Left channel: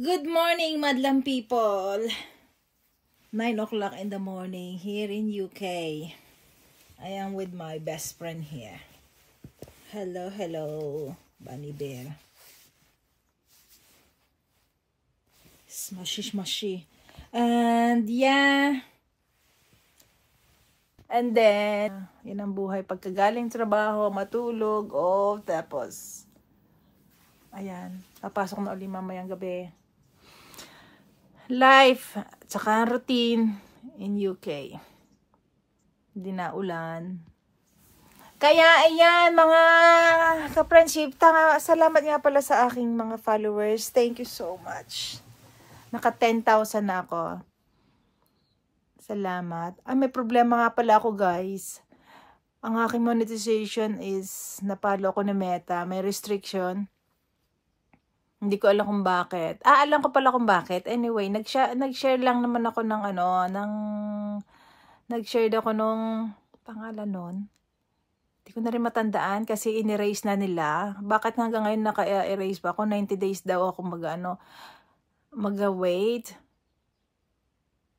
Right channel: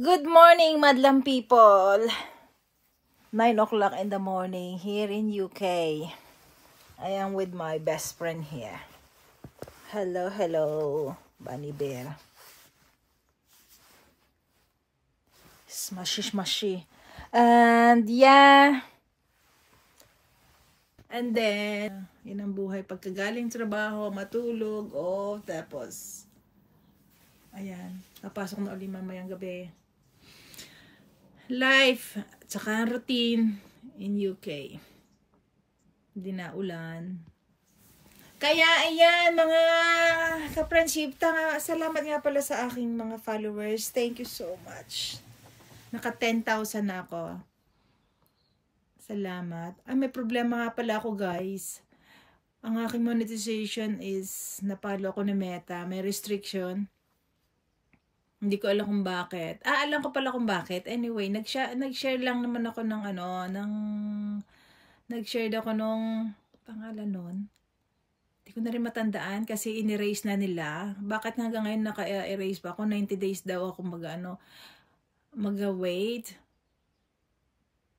Good morning, madlang people. 9 o'clock in the morning here in UK. I am with my best friend here. Hello, hello, Bunny Bear. Smushy, smushy. And yeah. And then, yun ang buhay. Pagkagaling trabaho, matulog, tapos, ayan, papasok na ulit mamayang gabi. Life, tsaka routine in UK. Hindi na ulan. Kaya, ayan, mga ka-friendship, salamat nga pala sa aking mga followers. Thank you so much. Naka 10,000 na ako. Salamat. May problema nga pala ako, guys. Ang aking monetization is napalo ko na Meta. May restriction. Hindi ko alam kung bakit. Alam ko pala kung bakit. Anyway, nag-share lang naman ako ng nag-share ako nung pangalan nun. Hindi ko na rin matandaan kasi in-erase na nila. Bakit hanggang ngayon naka-erase pa ako? 90 days daw ako mag-wait.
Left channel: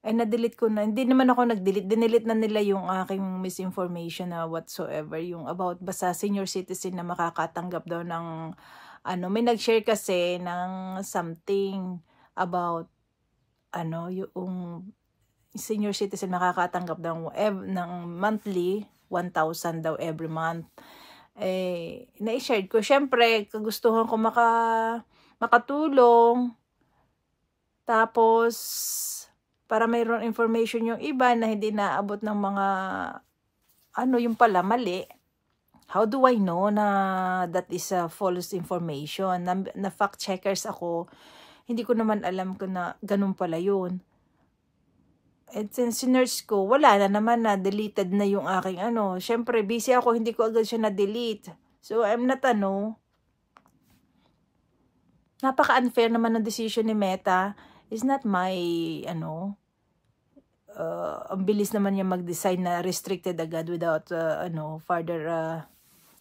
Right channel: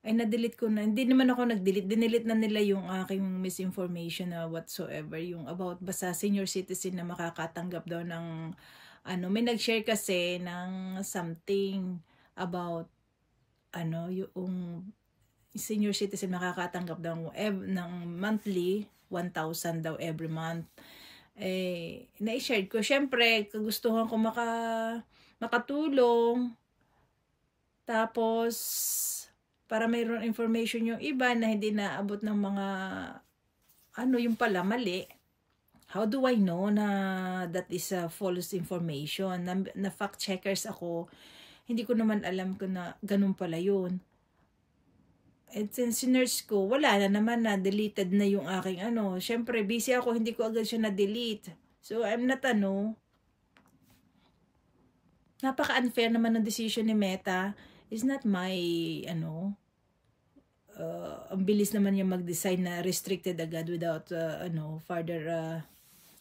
Ay, na-delete ko na. Hindi naman ako nag-delete. Dinelete na nila yung aking misinformation na whatsoever. Yung about basta senior citizen na makakatanggap daw ng may nag-share kasi ng something about yung senior citizen makakatanggap daw ng monthly 1,000 daw every month. Na-share ko. Syempre, kagustuhan ko makatulong. Tapos, para mayroon information yung iba na hindi naabot ng mga yung pala mali. How do I know na that is a false information? Na fact checkers ako. Hindi ko naman alam ko na ganun pala yun. And since sinerge ko, wala na naman na deleted na yung aking Syempre, busy ako, hindi ko agad siya na-delete. So, I'm not napaka-unfair naman ng decision ni Meta. It's not my, ang bilis naman niya mag-decide na restricted agad without, further,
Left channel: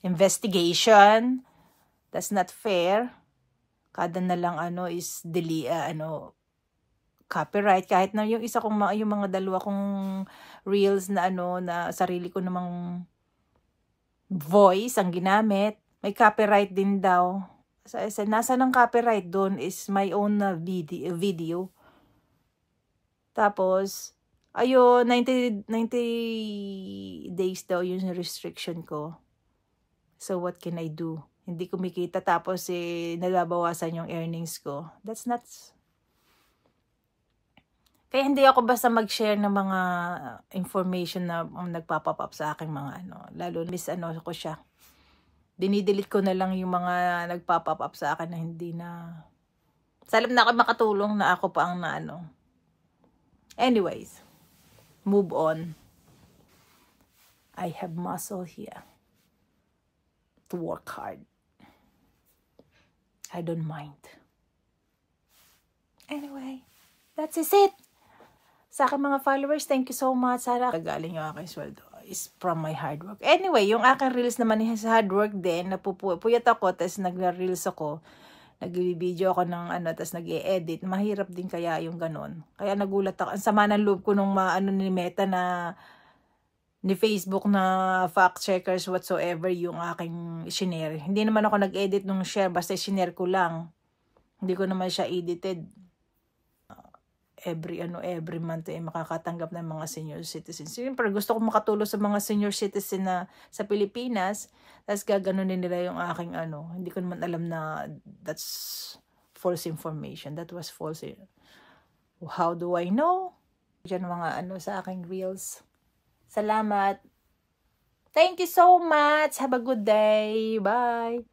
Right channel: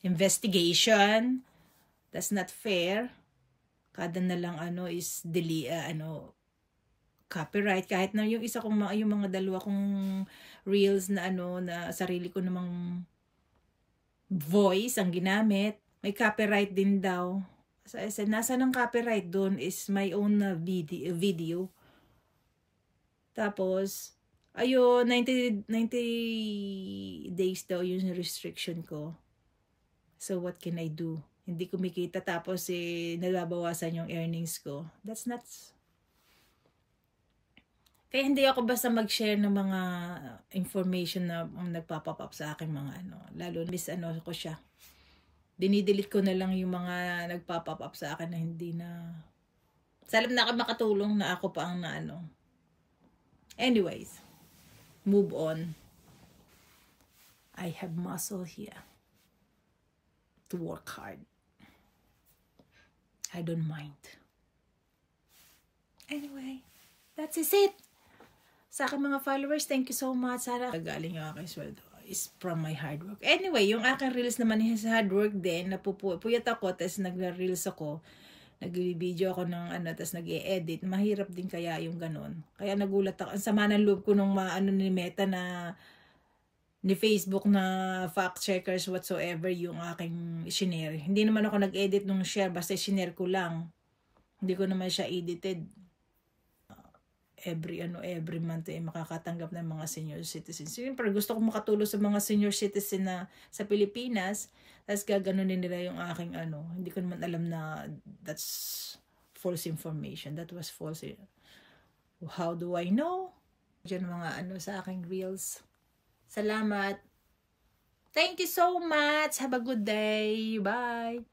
investigation. That's not fair. Kada na lang is copyright. Kahit na yung isa kong yung mga dalawa kong reels na na sarili ko namang voice ang ginamit, may copyright din daw. Nasa ng copyright doon is my own video. Tapos 90 days daw yung restriction ko. So, what can I do? Hindi kumikita tapos nababawasan yung earnings ko. That's not... Kaya hindi ako basta mag-share ng mga information na nagpapop up sa aking mga Lalo, ko siya. Dinidelete ko na lang yung mga nagpapop up sa akin na hindi na... Salam na ako makatulong na ako pa ang Anyways, move on. I have muscle here to work hard. I don't mind. Anyway, that's it. Sa aking mga followers, thank you so much. Sana galing yung aking sweldo is from my hard work. Anyway, yung aking reels naman is hard work din. Napupuyat ako, tapos nag-reels ako. Nag-video ako ng tapos nag-e-edit. Mahirap din kaya yung ganon. Kaya nagulat ako. Ang sama ng loob ko nung ni Meta na ni Facebook na fact checkers whatsoever yung aking shinare. Hindi naman ako nag-edit nung share, basta shinare ko lang. Hindi ko naman siya edited. Every month makakatanggap ng mga senior citizens. Siyempre gusto ko makatulong sa mga senior citizen na sa Pilipinas. Tapos gaganunin nila yung aking Hindi ko naman alam na that's false information. That was false. How do I know? Diyan mga sa aking reels. Salamat. Thank you so much. Have a good day. Bye.